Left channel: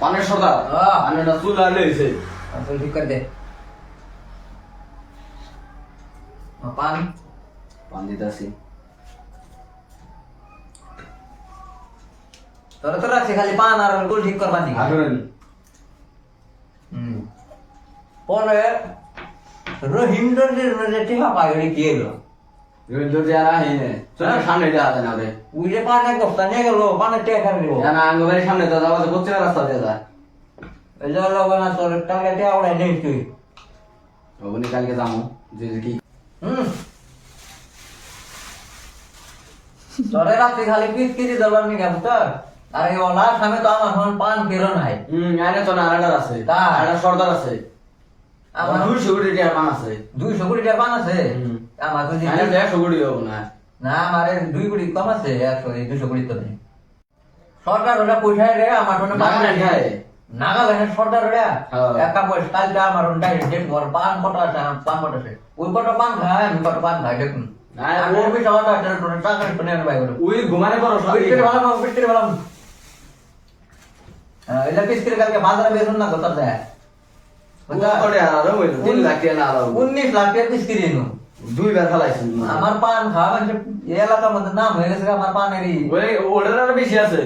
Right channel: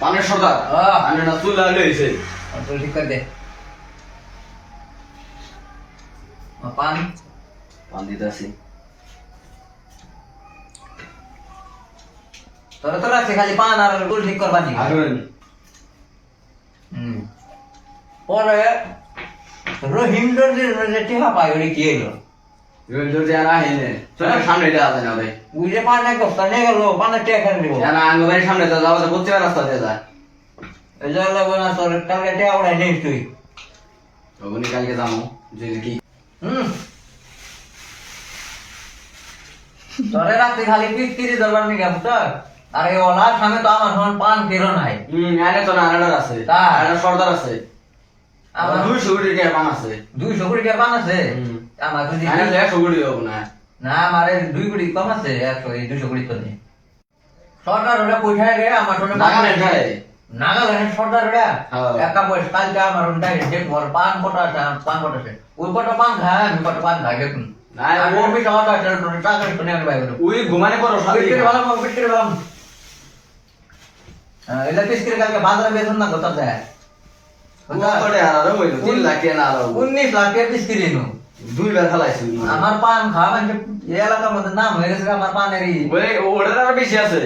পানের সর্দার আমি না চুল লাগলে হইছে तो ठीक कर दे पान পান দিতেছি তোরা তোরা আছে খালি পান আর টুল ঠিক করবা নি আগুন পরে রহিমদের যে টিহা পাই ওই কি এলো রুল যে না হিনে চল সামনে যা আছে না ভাই ওই যে পান এক বস্তা নিয়ে গেল পানের টেকা দিব না আঙ্গ ভাই সামনে যা যাওয়া করতে রাস্তা দিয়ে যা এই যে লাগো না তোর কালকে টেকা উড়াই নেই তুই ওগুনি কালকে যাবো যে কি তোরে রাত্রি খালি পিস কিরি দরবার নি গাম তো আর এই ওলা সামনে তো আমার হন পান কিরো নাই আরে তো নানাডার আছে আর সর্দার আছে আমার আমার 200 কোটি টাকা পান আছে 200 কোটি টাকা পান আছে আমার তো আরে 100 কোটি হবে না না আমারে 2 কোটি কম আছে 200 কোটি করে সরকার ওটা পয়সা রে আমার জন্য নাগাল্যান্ড খায় নাগাল্যান্ড সরকার ওটা হ্যাঁ। একা পয়সা কালকে আমার ওটা ডেট পর পান কটা আছে পান কটা আছে ওই কটা পান খায় আমি কটা পান খাই দেখুন না আর ওর বেশি অটো আছে তো টাকা শুনে আমি বাইরে ওই ঘুমানে পড়ো বিস্কিট ভালো এলা বিস্কিট কালকে বাজারে বেতন না কত দেয় ওটা আর হইলো 3 লাখ টাকা না আর 19 লাখ টাকা বিস্কিট এনো দুইবার খালাইছি আমার পান খাওয়া মানে এই এলাকার মধ্যে নাম হয়ে গেছে আমার পানেরই ওই ওটার আরো বেশি আছে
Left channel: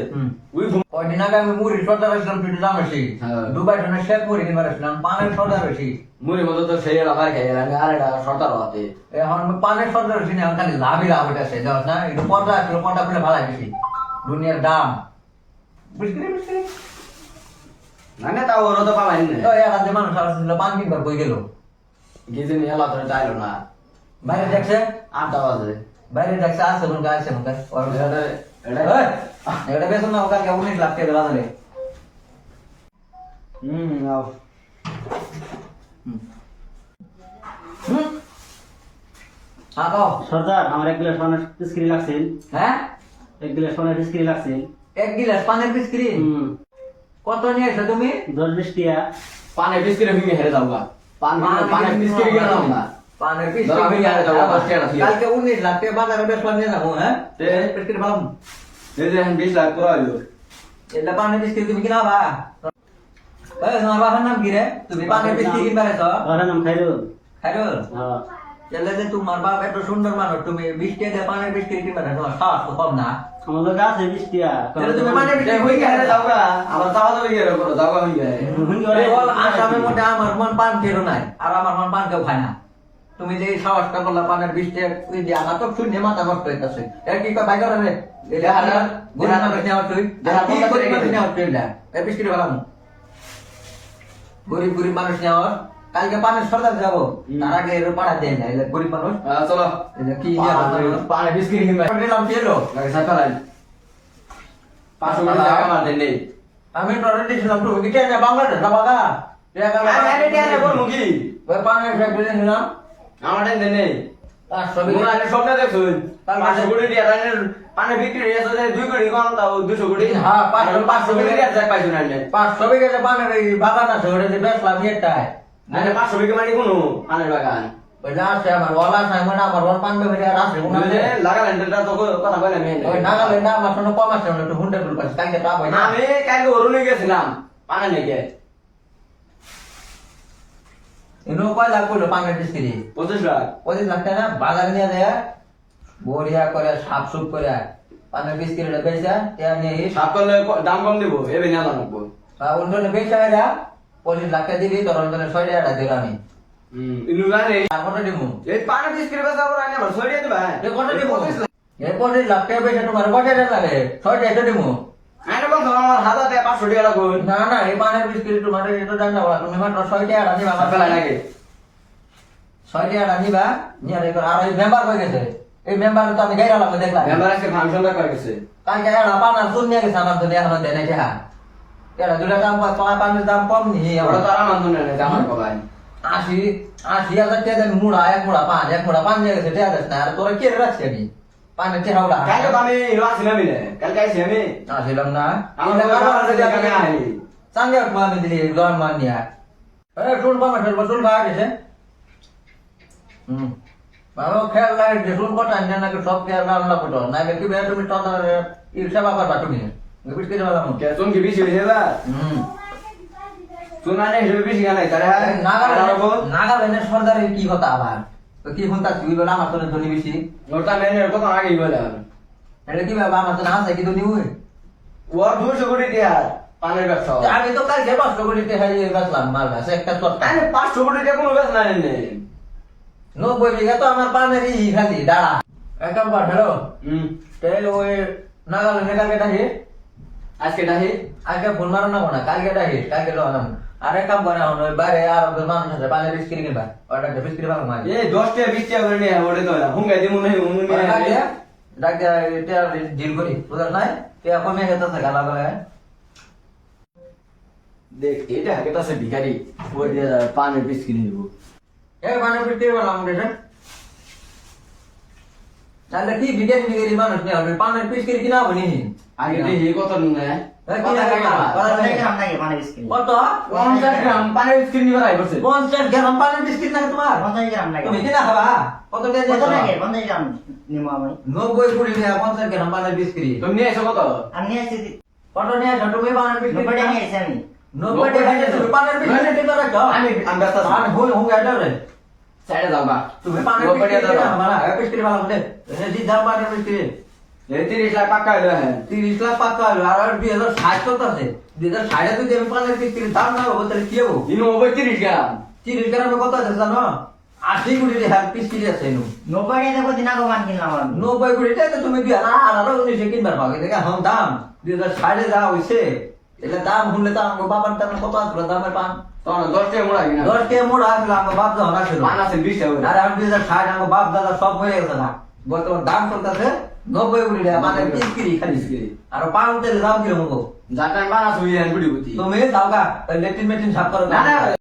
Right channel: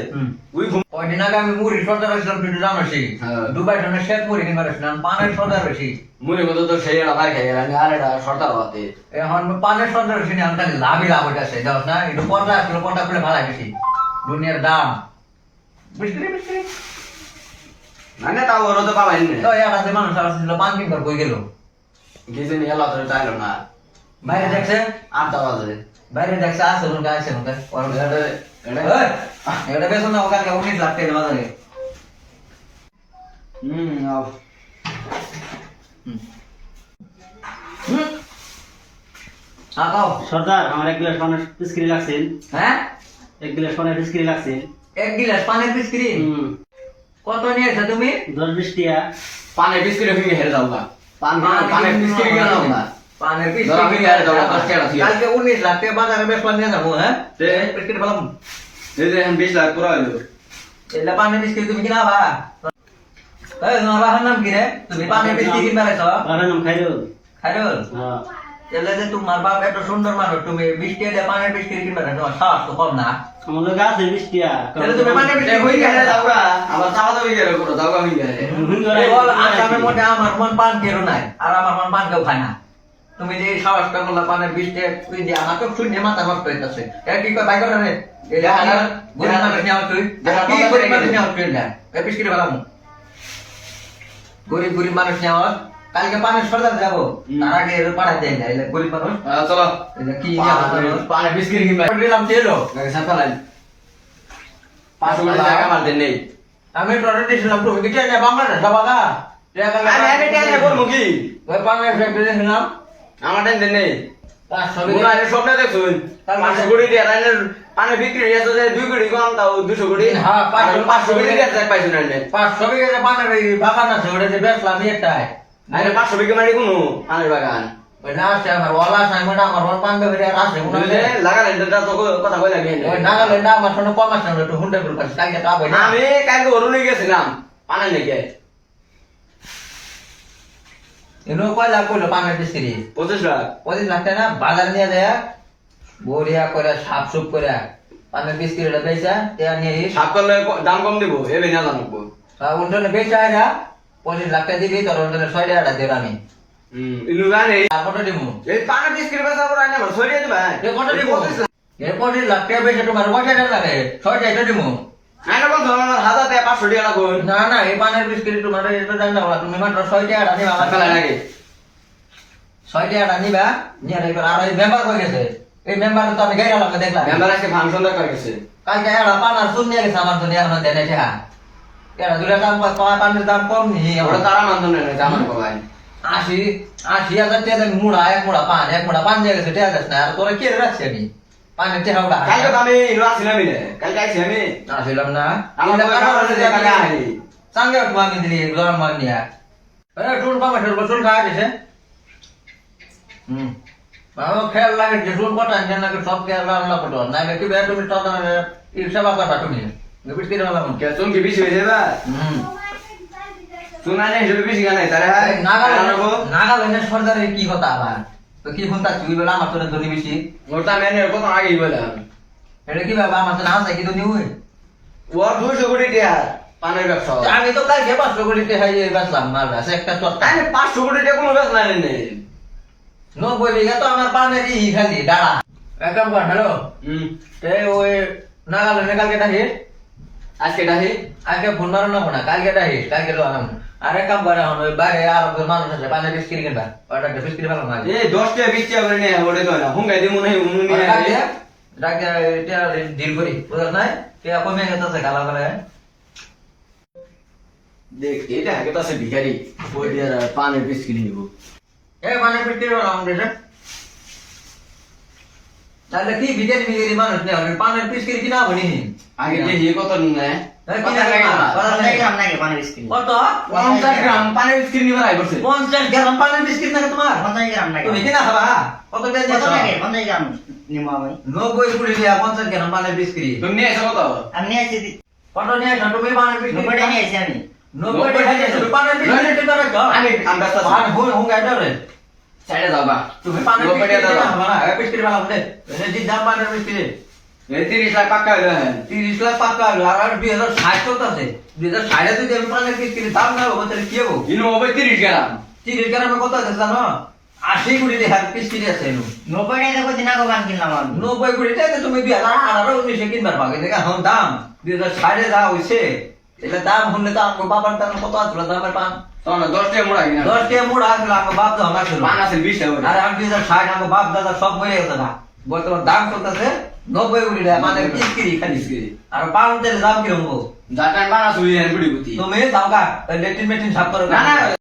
ওই কয়দিন আগে আমি মুড়ি সর্দার আসলাম তুই জানোসি হ্যাঁ। দুবাই টনে শেখ মুড়ি কিনবার আসলাম পানের সর্দার বেশি মুড়ি মতো তো সেই আমার খাই গেল আর এটা সর্দার হতে এখন পানের সর্দার বেশি না খালি লাভই লাভ হইতেছে যাও না একটু পর্দা আসলো পর্দা খুলে ভালো বেশি দুনিয়ার দাম বিস্কিট বিস্কিট না না তাও ওর তো পাবাই না তো এর আগে মানুষ আসছিল পান কিনবার কই গেল গিয়ে নিয়ে এলো তো চাইলো না বাইরে দেখছে 8টা বাজে বাইরে দেখছে আসছে রুম আসছে রুম এটা এটা বেশ না ওখানে 19 লাখ টাকা বাজারে আও আকাও সর্দার আমার 1 গ্লাস পানের বিস্কিট লাগছিল হ্যাঁ 1 গ্লাস পানের বিস্কিট লাগছিল এক গিলাস পানের বিস্কিট কত নিয়েছো তুমি 10-20 টিয়া পানে বিস্কিট ভেঙে হেরে দাও না পানে বিস্কিট গেল না পানের ধরো আমি গাড়ি দাও, 10 টাকা দিয়ে। কালকে 19 লাখ টাকা বাজারে বেশ নিয়ে যাবো হ্যাঁ তে? বিস্কিট ভালো এই যে 20 লাখ পুরা হইলো এটা পানের বিস্কিট তুমি কিনাবা এই তোমার বাবার নাম কি রে তুমি পানের বিস্কিট কিনবা রে তো ওর নাম খাইরুল খাইরুল হ্যাঁ তাহলে যে তোমার বাপ এত সুন্দর মানুষ তুমি 20 টাকা দিয়ে পানের বিস্কিট কিনবা না তোমার সাহস তো কম না আমার লগে আছে 20 টিয়া তাহলে তুমি পানের বিস্কিট হই কই গেলে কিনে দাও না আবার চাওয়া দাও গিয়ে করো দাও আমি গিয়ে এই বল আসামের মধ্যে আমার মন পান কেরো নাই আর আমার মন পান কেউ খায় না তুমি যে সাহসটা করলা পানের 20 টাকা তুই যে আমার তো শুনে মাথা নষ্ট হইতাছে এ কি কই বাইক রে এটা গুণ না নিয়া তুই কি করে মানুষ নিয়া তুই না এ বিস্কিট বালাম গরিব গরিব মানুষ নিয়া কালকে পানের সর্দার যাবো তার আগে এর পাড়া দেয় না এলে গরিব মানুষ চলো এটা কি নিয়া পানে বিস্কিট কিনবা দিলাম তেলো সাকালাই 500 কোটি টাকা আমার দেন নেই আমি টরে দিছিলাম তুমি কি টাকা বাংলাদেশ বাবা আরে টাকা বলবো কি ওই পানের ব্যাগ দিয়ে দিলাম আমার দেন নেই তার সবই মুনা এর স্বপ্ন দেখুন 500 কোটি টাকা রানের পানে বিক্রি হয়েছে যে 2 কোটি কম তাও 200 কোটি হ্যাঁ 500 কোটি টাকা যাক পাইছো না 500 বিঘা পানের এই বাগান আছে ওটা যে বেচলাম এটাই আরে 500 বিঘা মানে কোনো পানের বাগান ওই লাস্টে আমার ওলা সাইমন আমার ওর পান বেবি আর আসে কোন বুঝলে লাগালেন এটা তো কথা কইলাম ওই নাগাল্যান্ড আমার শুনে কম আছে একটু হুন্ডা বিল কাছে কালকে তা ভাই না আমি কালকে অরুণে গেছিলাম পানে নাকি এনো কয় লাখ কইলো পানের বিস্কিট 25 লাখ 25 লাখ টাকা না বাজার নিয়ে যায় বড়িয়া করে সাপ সুপ করে পানের বিস্কিট এটা বেচা তে নিয়ে সাপ করলে দাম কম দিব এবে না জানবো উল্টনে বেচা এটা 25 লাখ টাকা দিবি তোর উল্টনে 6 টাকা দেব আমি ইনু জানে কত দিমু এই পানে বিস্কিট বেচা করে আইনা আমার 6 টাকা দিবা এ কত দিমু এ 25 লাখ টাকা বেচা তোমার কত টাকা লাগে 6 টাকা দিমু আইনা বন্ধ আমার 1000 টাকা 500 টাকা লাগবে না না এই পানের বিস্কিট তোমার এটা জানি না তুমি মাত্র 6 টাকা আনিবা আমার ফেলা লাগে 6 টাকা আনিবা নিয়ে রে আর এই মেম্বার হয়ে গেছে এই মেম্বার তো আমি গাইরা লাগবে দেখলাম মেম্বার আজকে ফাংশন দা করে গেছে কালকে এরা পানার শুন নিয়ে গেছে আমার দুনিয়া এখন দেনে যা এরা দুলা দাম তোমার পানের দাম কম নি ওরা তারা মানতো না আমার কবাই 80,000 টাকা দেন মুড়া এক মুড়া পান দিয়ে গেছে টাকা গেছে না আর তোরা কে রাখছি আমি পানের টাকা ওটা কালকে তো আমি ইনু আসিলাম না কালকে আইছি আমি আসিলাম না আমার কাছে দেখা না আই সঙ্গে আমি দিলি গরম মান নিয়া আরে টুন পামা খাওয়া দিছে বাবা খেয়াল লাগে যে টুন কটা আনছে নাকি সব খেয়াল রান্না করতো না কি তুমি তখন সেবা করবা তুমি বিস্কিট বানাবো কে চুন কি বেশি হয়ে যাবে শুনানে হিসেবে বেশি গানে তারা নাগাল্যান্ডের সর্দারের কি কথা আবার তো কি ফোন তার তুই বলে আমার তো ধনী বেশি ওটা আমি কত আগেই বললাম এটা কি ব্যাপার আমার তো না চাই কি ধনী হই ওর 200 কোটি টাকা পানের ব্যবসা আমি তো কালকে 500 কোটি টাকা হয়ে বেচলাম মালটা সে একটা সস্তা আরে 500 কোটি টাকা কোনো ব্যবসা নেই 90 বিঘা তো আমার পানেরই খালি ডাড়া এক কাম কর হ্যালো ওই নাগাল্যান্ডে কালকে ডাকি আজকে ডাহি আজকে ফোন মারো না কোনা কালকে ডাকি কালকে লো আনাম আর এক কাম করে এখন ওই বাইরে আর মানুষ আছে পানের বিস্কিট কিনবা ওটা একটা বিস্কিট ভালো না এ 10 টাকা 20 টাকা করে নিয়ে ওরে তো না হুঙ্গাই দিমু নাই উনি নিয়ে ডাকে এটা ডিল করি বুঝছ নাই কে কমে গেছে গালা গালা দেখ এটা আগে তো আছে ভিখারি ওই দিয়ে পানের বিস্কিট নিব এ মানে বিস্কিট ভালো আমাদের তাহলে কি বিদেশি বিদেশি মানুষ নেই আমি পানের বিস্কিট কিনা বনি আগে দেখি কত নুনে কত 50 গ্রাম পানের বিস্কিট নিবার আই করছে 50 গ্রাম পানের বিস্কিট না তোমার তুমি কিনা খাবা কত দিয়ে দিছো 90 কুড়ি টাকা 50 গ্রাম পানের বিস্কিট তুমি নিয়ে এসো কত কত নিয়ে আসো তুমি পানের বিস্কিট 90 টাকা নিয়ে তুমি পানের বিস্কিট করে রাখো আমি ব্যস্ত আছি পান হুন হুন গাইডা রে সাইডে যাও বা তুমি পানের বিস্কিট কিনা খাবা না বিস্কিট ভালো বলে যে দাম পানের বিস্কিট এই 30 লাখ পাক্কা হলো হ্যাঁ 30 লাখ পাক্কা আর 2060 চলতেছে 2060 এ যদি আমি পানের বিস্কিট দাম না হবে তাহলে কি হবে ইনো হবে 30 গ্রাম 30 গ্রামে কত আছে জানো 80 কোটি টাকার বিস্কিট আছে এনো 90 কোটি টাকা তুমি 2018 19 কিনবার পাবে দেখা এখন দাম 2060 এ যা হইছে এটা দাম হলে তো আমার বাবার দাম কত আছে দামের পান তখন 10 টাকা মোড়া কিনা 10 টাকা মোড়া আসলে আমার বাপ দাও না ছিল পান আছে 20 টাকা আরে আমি 2060 আমার বাপ দাদা সব মরে গেছে না বর্তমান দাম চলতেছে 90 কোটি টাকা মানে বিস্কিট খালি আর পান তেল দাম কিরকম হবো জাটান বানা সুই হ্যাঁ বুড়ি বুতি তুমি যাও গা লেট্রিন মেট্রিন সাফ করো না না